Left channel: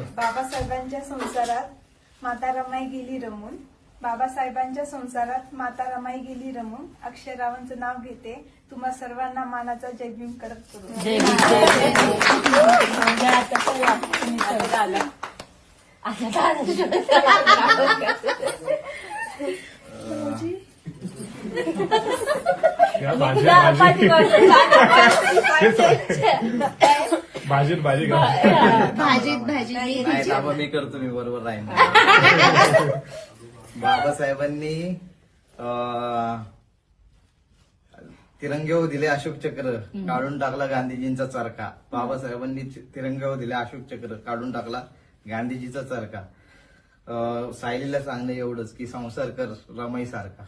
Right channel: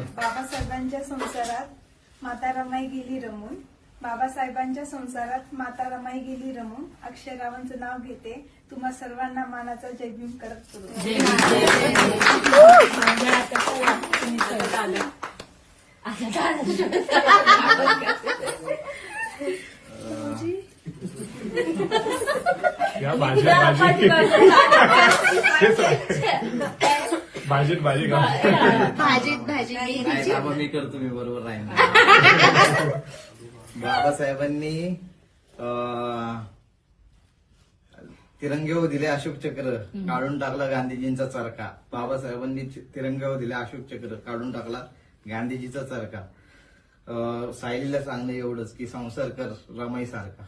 बाबासाहेबांच्या संसारात माता रमाई गेली रमून. बाबासाहेबांच्या संसारात माता रमाई गेली रमून. अक्षरावांचं नाव घेते. तुम्हा सर्वांना मानाचा जय भीम कडक करू. भाजीत भाजी मी करतो, मी बरोबर राहीन. बाबासाहेबांनी तिरंग्यावर दिले अशोक चक्र, काढून टाकला गांधीजींचा चरखा. बाबासाहेबांनी तिरंग्यावर दिले अशोक चक्र, काढून टाकला गांधीजीचा चरखा. सायलीला सांगणं एवढंच की संसार कर रमाई सारखा.